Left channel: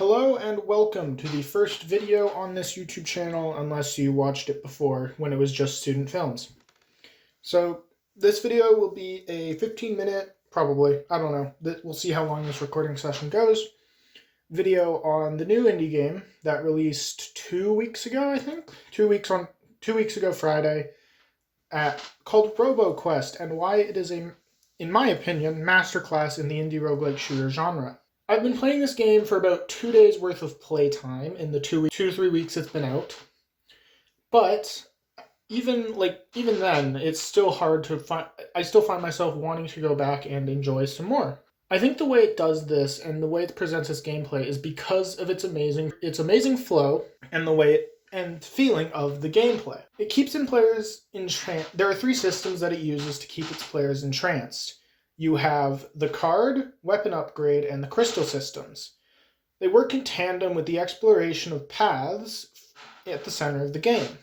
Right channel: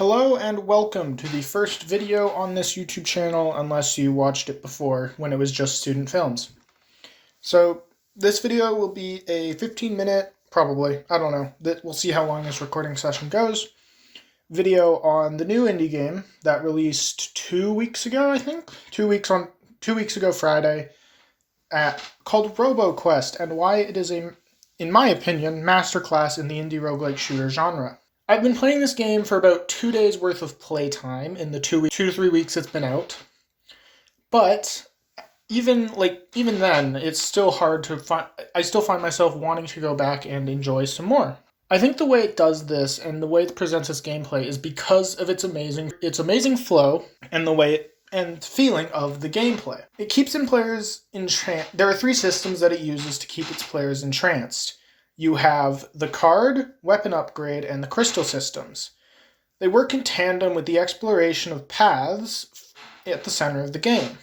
Hello and welcome to the first video on this YouTube channel, unless you watched it before when it was just student films. So this video will be a 15-minute, probably, I don't know, we'll see how long this recording session goes, video on the new indie game that released 2 weeks ago, I think? 2 weeks ago Friday, called Roboquest, and why it is a, in my opinion, masterclass in the indie roguelike shooter genre. I've been playing this game for about 2 days worth of playtime in the 2 to 3 weeks it's been out. But even then, it's still hard to find. I still find myself wanting to go back and enjoy some more. I think the way it does this and the way it presents its gameplay is because of its amazing flow and the way and feeling of the gameplay. It keeps players entranced. There are 3 systems that it uses to keep its players entranced. You have the card, weapon upgrade, and the crystal systems. They work in tandem with the exploration of paths at the center of the game.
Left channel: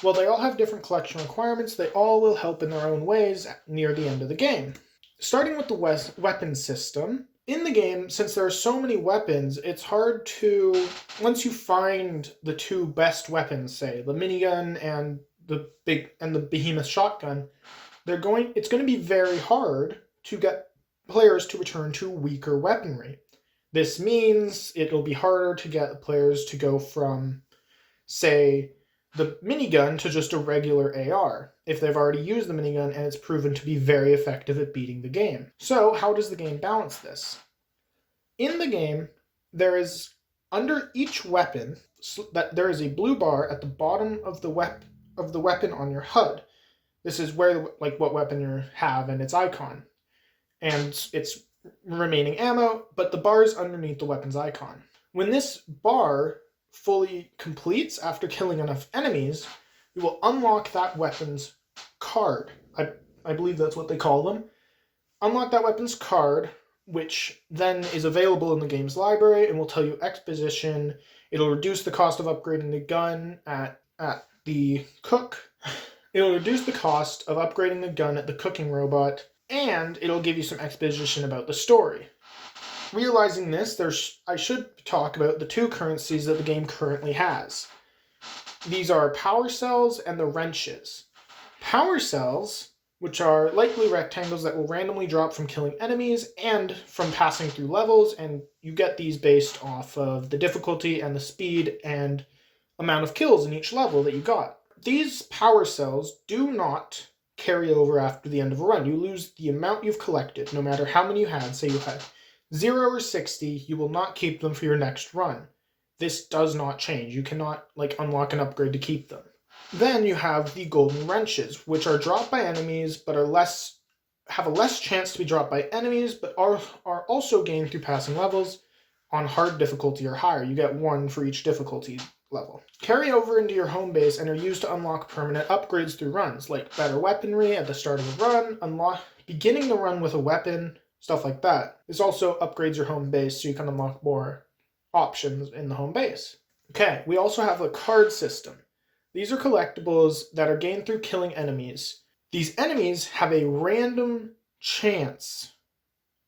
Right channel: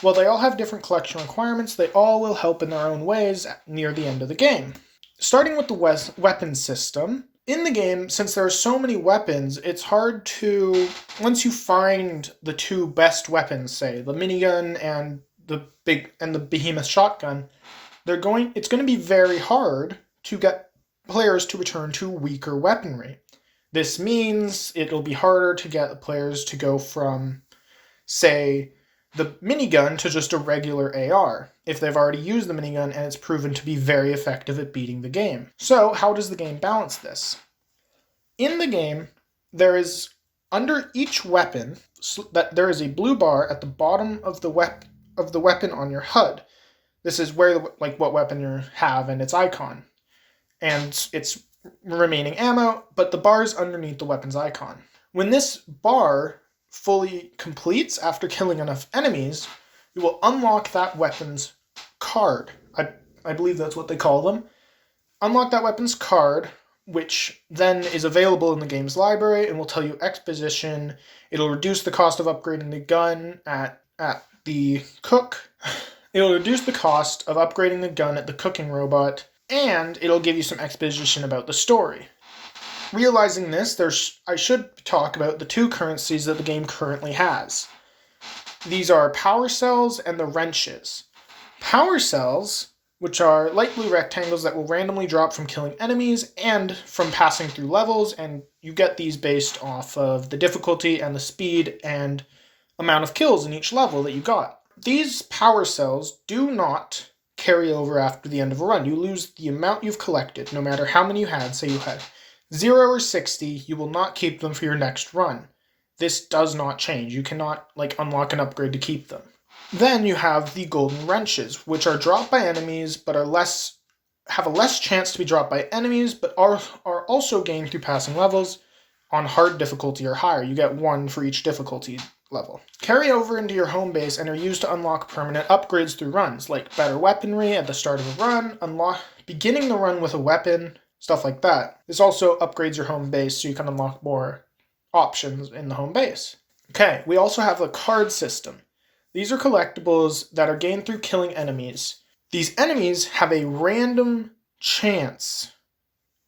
While they all have different collection requirements, they all will help in their own ways near the end of the game. Starting with the weapon system, in the game, since there are so many weapons, it's hard to, once you find the 2 best weapons, say the minigun and the behemoth shotgun, it's going to be very hard to get players to return to weaker weaponry. This means it'll be harder to get players to go from, say, the minigun to just a regular AR, if they've already used the minigun and it's proven to be very effective at beating the game. So, how does the game balance this? In the game, there is, under each weapon, there is a blue bar at the bottom of the weapon on your HUD. This is where, what weapon you have and its icon. And its remaining ammo, but the bar is underneath the weapon's icon. When this bar fully completes after killing enough enemies, you will unlock that weapon's card. I believe that's what they call them. Unlock that weapon's card, which then is available in the game's library and will tell you exposition. It'll reduce the cost of upgrading the gun at the cook. It'll reduce the cost of upgrading the gun at the cooking robot, and it'll give you some exposition about the story. Realizing this, I should talk about the 2 currencies that the game currently has. These are power cells and the wrenches. Power cells, which are light blue rectangles that will randomly drop from killing enemies and from passing through levels, and you get these based off of the difficulty and the speed and amount of kills in each level that you got. These power cells do not carry over after the end of a run. You lose the amount you've collected, no matter how many you had. Say you had 0 or 60, you will not keep them for your next run. This does not change. You cannot unlock an upgrade to keep them. Then you have the golden wrenches, which are dropped by enemies, but have a less chance to be dropped by enemies, but are also gained through passing levels on hard difficulty or higher. You get 1 for each difficulty level. Carry over into your home base and are used to unlock permanent upgrades through runs, like better weaponry at the start of a run, beginning the run with a weapon, stuff like that. This also upgrades your home base so you can unlock more options in the home base. Okay, we also have a card system. These are collectibles that are gained through killing enemies. These enemies have a random chance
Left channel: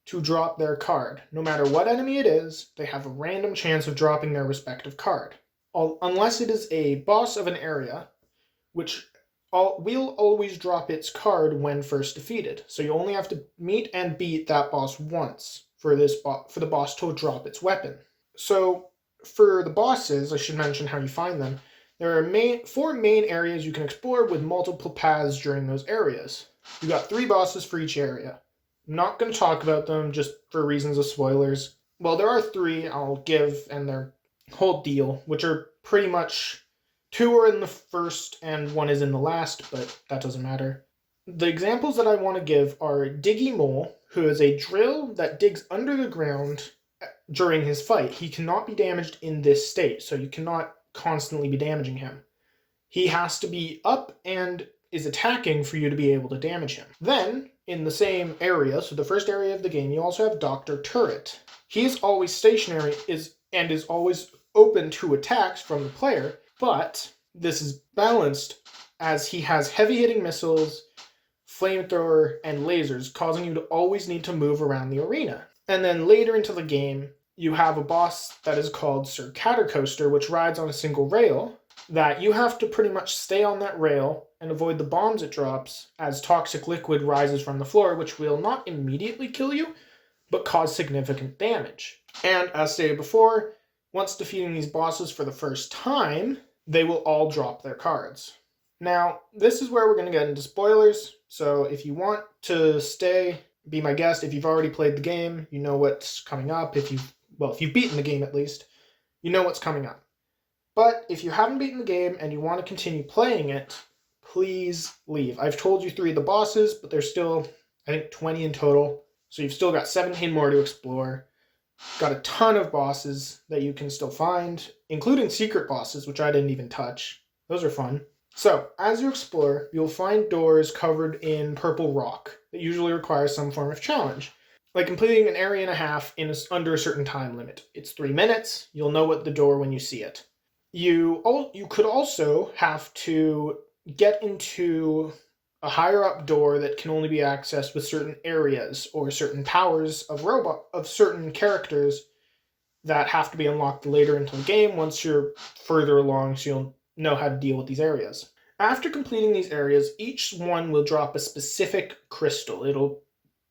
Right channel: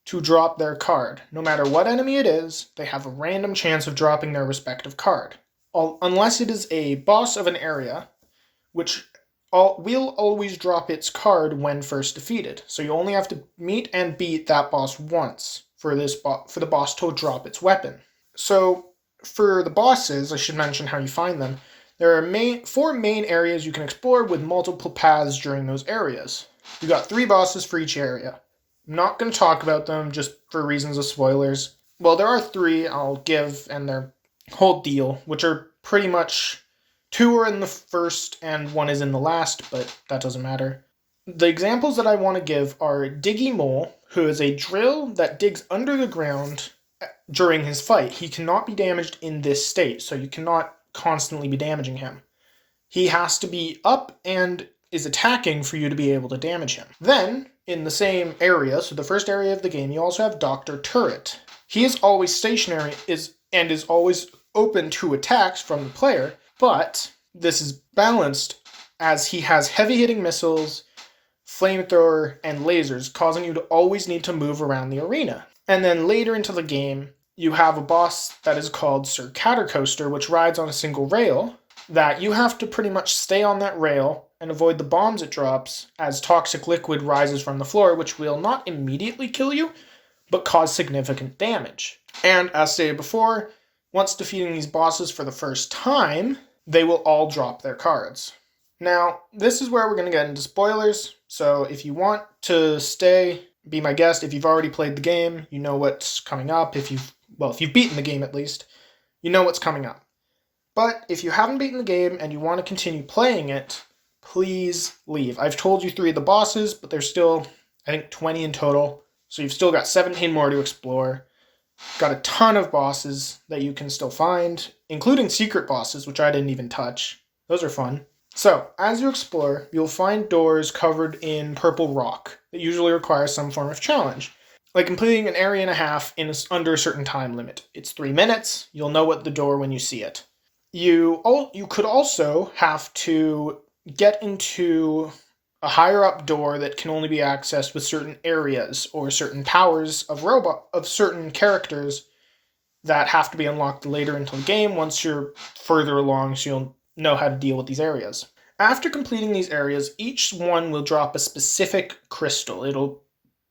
to drop their card. No matter what enemy it is, they have a random chance of dropping their respective card. Unless it is a boss of an area, which will always drop its card when first defeated. So you only have to meet and beat that boss once for the boss to drop its weapon. So for the bosses, I should mention how you find them. There are 4 main areas you can explore with multiple paths during those areas. You got 3 bosses for each area. I'm not going to talk about them just for reasons of spoilers. Well, there are 3 I'll give, and they're whole deal, which are pretty much 2 are in the first and 1 is in the last, but that doesn't matter. The examples that I want to give are Diggy Mole, who is a drill that digs under the ground during his fight. He cannot be damaged in this state, so you cannot constantly be damaging him. He has to be up and is attacking for you to be able to damage him. Then, in the same area, so the first area of the game, you also have Dr. Turret. He is always stationary and is always open to attacks from the player, but this is balanced as he has heavy-hitting missiles, flamethrower, and lasers, causing you to always need to move around the arena. And then later into the game, you have a boss that is called Sir Catercoaster, which rides on a single rail, that you have to pretty much stay on that rail and avoid the bombs it drops as toxic liquid rises from the floor, which will not immediately kill you, but cause significant damage. And as stated before, once defeating these bosses for the first time, they will all drop their cards. Now, this is where we're going to get into spoilers, so if you want to stay, be my guest. If you've already played the game, you know what's coming up. If you've beaten the game at least, you know what's coming up. But if you haven't beaten the game and you want to continue playing it, please leave. I've told you 3 of the bosses, but there's still, I think, 20 in total. So you've still got 17 more to explore. Got a ton of bosses that you can still find, including secret bosses, which I didn't even touch. Those are fun. So, as you explore, you'll find doors covered in purple rock that usually requires some form of challenge, like completing an area and a half in under a certain time limit. It's 3 minutes. You'll know what the door when you see it. You could also have to get into a higher up door that can only be accessed with certain areas or certain powers of certain characters that have to be unlocked later into the game once you're further along, so you'll know how to deal with these areas. After completing these areas, each one will drop a specific crystal.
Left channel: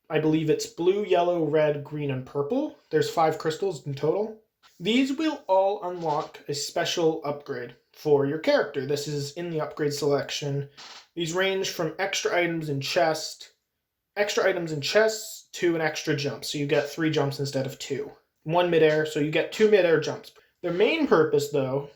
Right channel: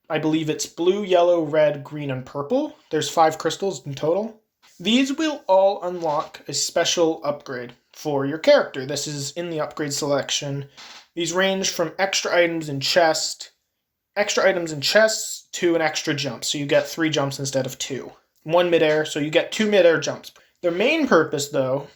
I believe it's blue, yellow, red, green, and purple. There's 5 crystals in total. These will all unlock a special upgrade for your character. This is in the upgrade selection. These range from extra items in chests to an extra jump. So you get 3 jumps instead of 2. 1 midair, so you get 2 midair jumps. Their main purpose, though,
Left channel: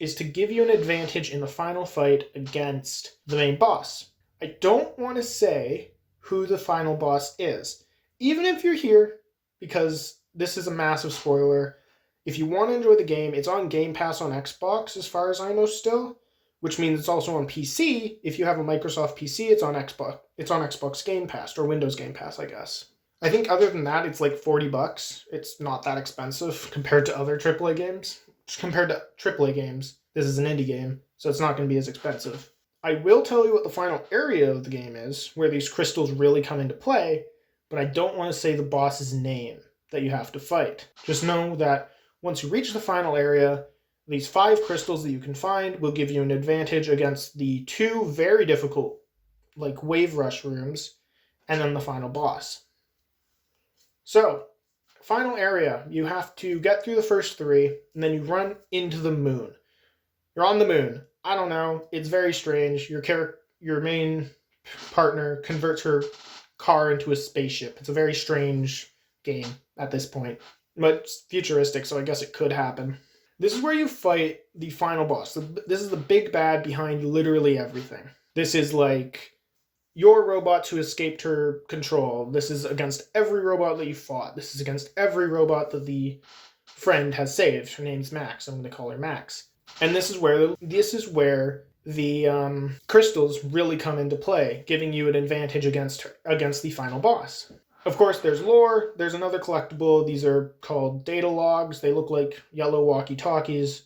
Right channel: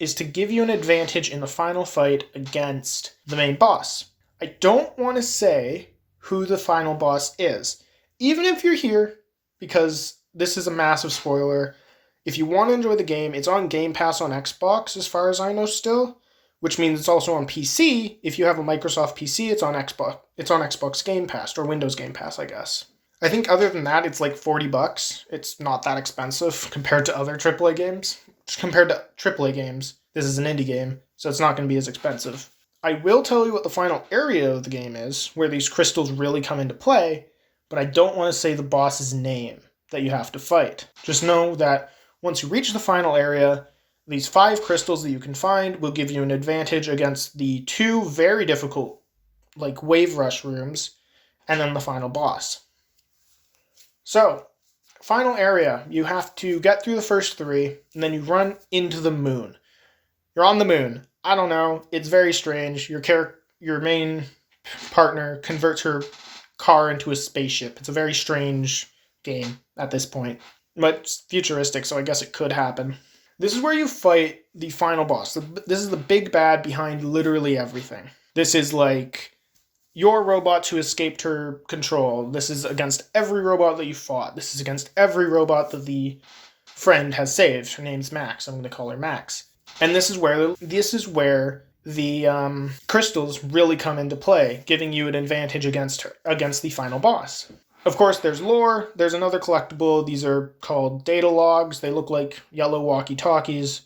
is to give you an advantage in the final fight against the main boss. I don't want to say who the final boss is, even if you're here, because this is a massive spoiler. If you want to enjoy the game, it's on Game Pass on Xbox, as far as I know still, which means it's also on PC. If you have a Microsoft PC, it's on Xbox. It's on Xbox Game Pass, or Windows Game Pass, I guess. I think other than that, it's like $40. It's not that expensive compared to other AAA games. Compared to AAA games, this is an indie game, so it's not going to be as expensive. I will tell you what the final area of the game is, where these crystals really come into play, but I don't want to say the boss's name that you have to fight. Just know that once you reach the final area, these 5 crystals that you can find will give you an advantage against the 2 very difficult, like wave rush rooms, and then the final boss. So, final area, you have to get through the first 3, and then you run into the moon. You're on the moon. I don't know. It's very strange. Your main partner converts her car into a spaceship. It's a very strange game at this point. But it's futuristic, so I guess it could happen. This is where you fight the final boss. This is the big bad behind literally everything. This is like your robot who escaped her control. This is against every robot that you fought. This is against every robot that the friend has saved. Her name's Max. I'm going to call her Max. And this is where the crystals really come into play, giving you an advantage against the final boss. Of course, there's lore. There's another collectible. These are called data logs. They look like yellow walkie-talkies.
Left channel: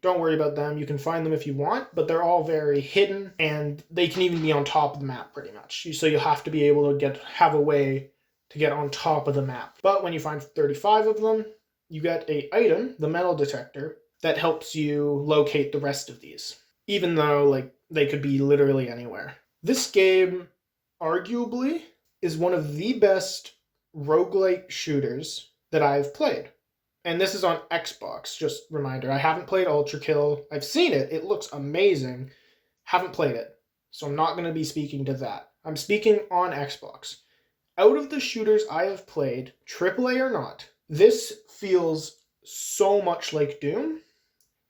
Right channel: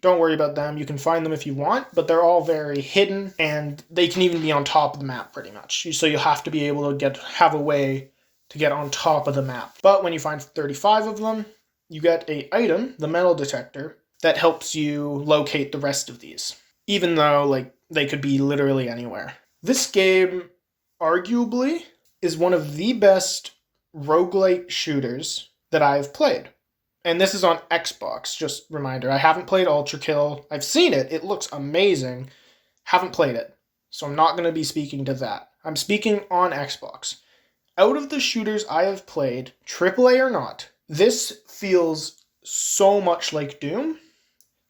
Don't worry about them. You can find them if you want, but they're all very hidden, and they can even be on top of the map pretty much. So you have to be able to have a way to get on top of the map. But when you find 35 of them, you get an item, the metal detector, that helps you locate the rest of these, even though they could be literally anywhere. This game, arguably, is one of the best roguelike shooters that I've played. And this is on Xbox, just reminder. I haven't played Ultra Kill. I've seen it. It looks amazing. Haven't played it. So I'm not going to be speaking to that. I'm speaking on Xbox. Out of the shooters I have played, AAA or not, this feels so much like Doom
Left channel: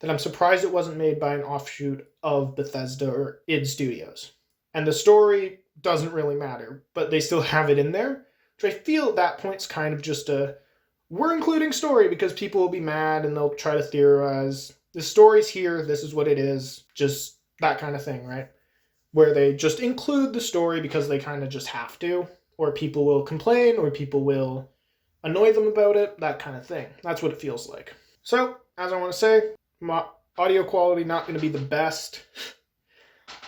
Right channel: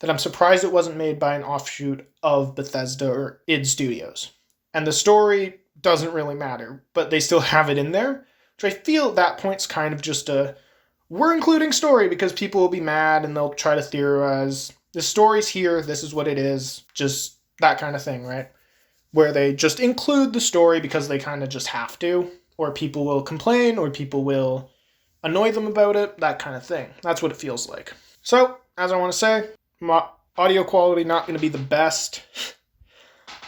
that I'm surprised it wasn't made by an offshoot of Bethesda or id Studios. And the story doesn't really matter, but they still have it in there, which I feel at that point's kind of just we're including story because people will be mad and they'll try to theorize. The story's here, this is what it is, just that kind of thing, right? Where they just include the story because they kind of just have to, or people will complain, or people will annoy them about it, that kind of thing. That's what it feels like. So, as I want to say, my audio quality not going to be the best,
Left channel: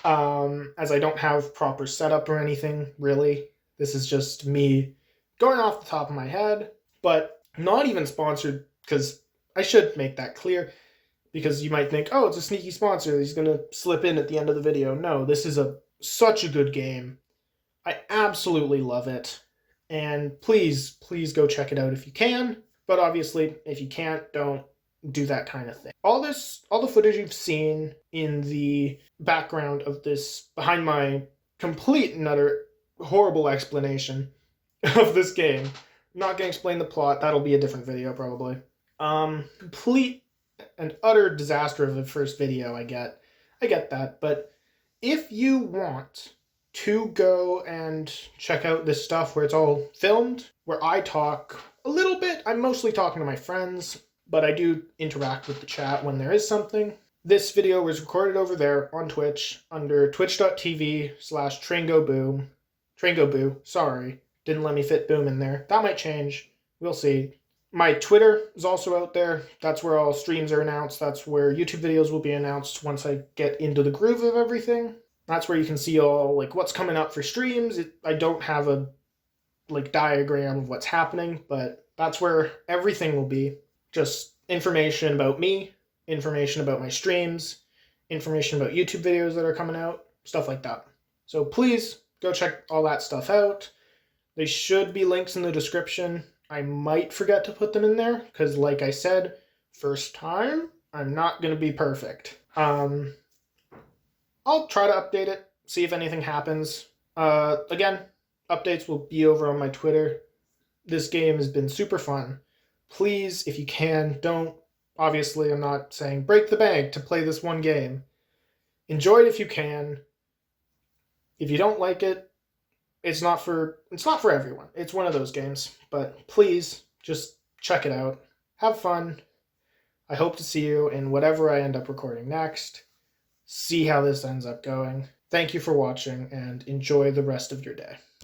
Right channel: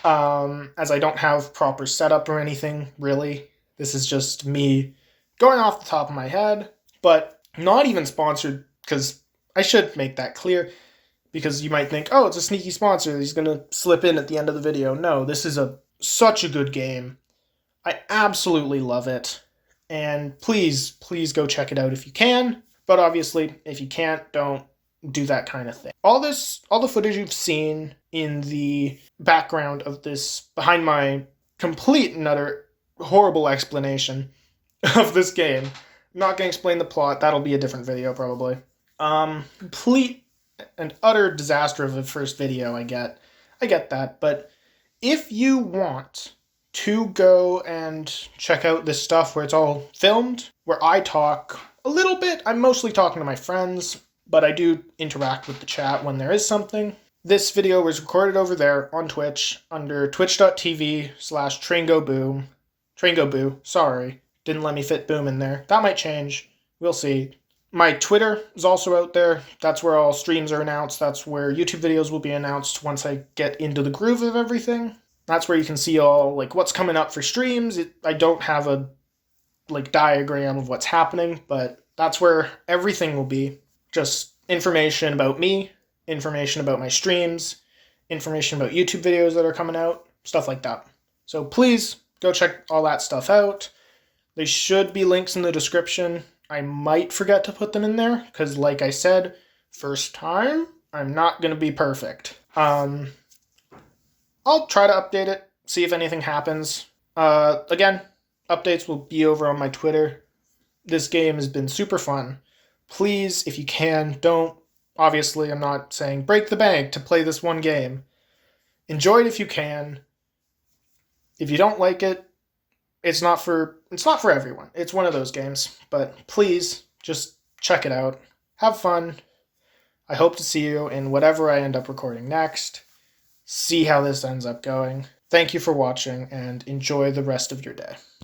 as I don't have proper setup or anything, really. This is just me going off the top of my head, but not even sponsored because I should make that clear, because you might think, oh, it's a sneaky sponsor, he's going to slip in at the end of the video. No, this is such a good game. I absolutely love it. And please go check it out if you can. But obviously, if you can't, don't do that kind of thing. All the footage you've seen in the background of this, behind my complete and utter horrible explanation of this game. I'm not going to explain the plot. That'll be a different video, probably. Complete and utter disaster of a first video, I get that. But if you want to go and check out this stuff where it's all filmed, where I talk a little bit, I'm mostly talking to my friends, but I do interact with the chat when there is something. This video was recorded over there on Twitch under twitch.tv/TrangoBoo. TrangoBoo, sorry. Didn't let me fit boom in there. That might change. We'll see. My Twitter is also out there. That's where all streams are announced. That's where YouTube videos will be announced once I get into the groove of everything. That's where you can see all like what's coming up for streams. I don't have a like diagram of what's happening, but that's where everything will be. Just information about me, information about my streams, information about YouTube videos that are coming out, stuff like that. So please go check all that stuff out. There should be links in the description. I might forget to put them in there because, like I said, first time, I'm not going to be perfect. I'll try to update it, see if anything happens. Again, updates will be over on my Twitter. This game has been super fun. Please, if you can, don't. Obviously, I'm not saying break the bank to play this one game. Enjoy it if you can. If you don't like it, it's not for everyone. It's one of those games. But please, just check it out. Have fun. I hope to see you in whatever I end up recording next. See how this ends up going. Thank you for watching, and enjoy the rest of your day.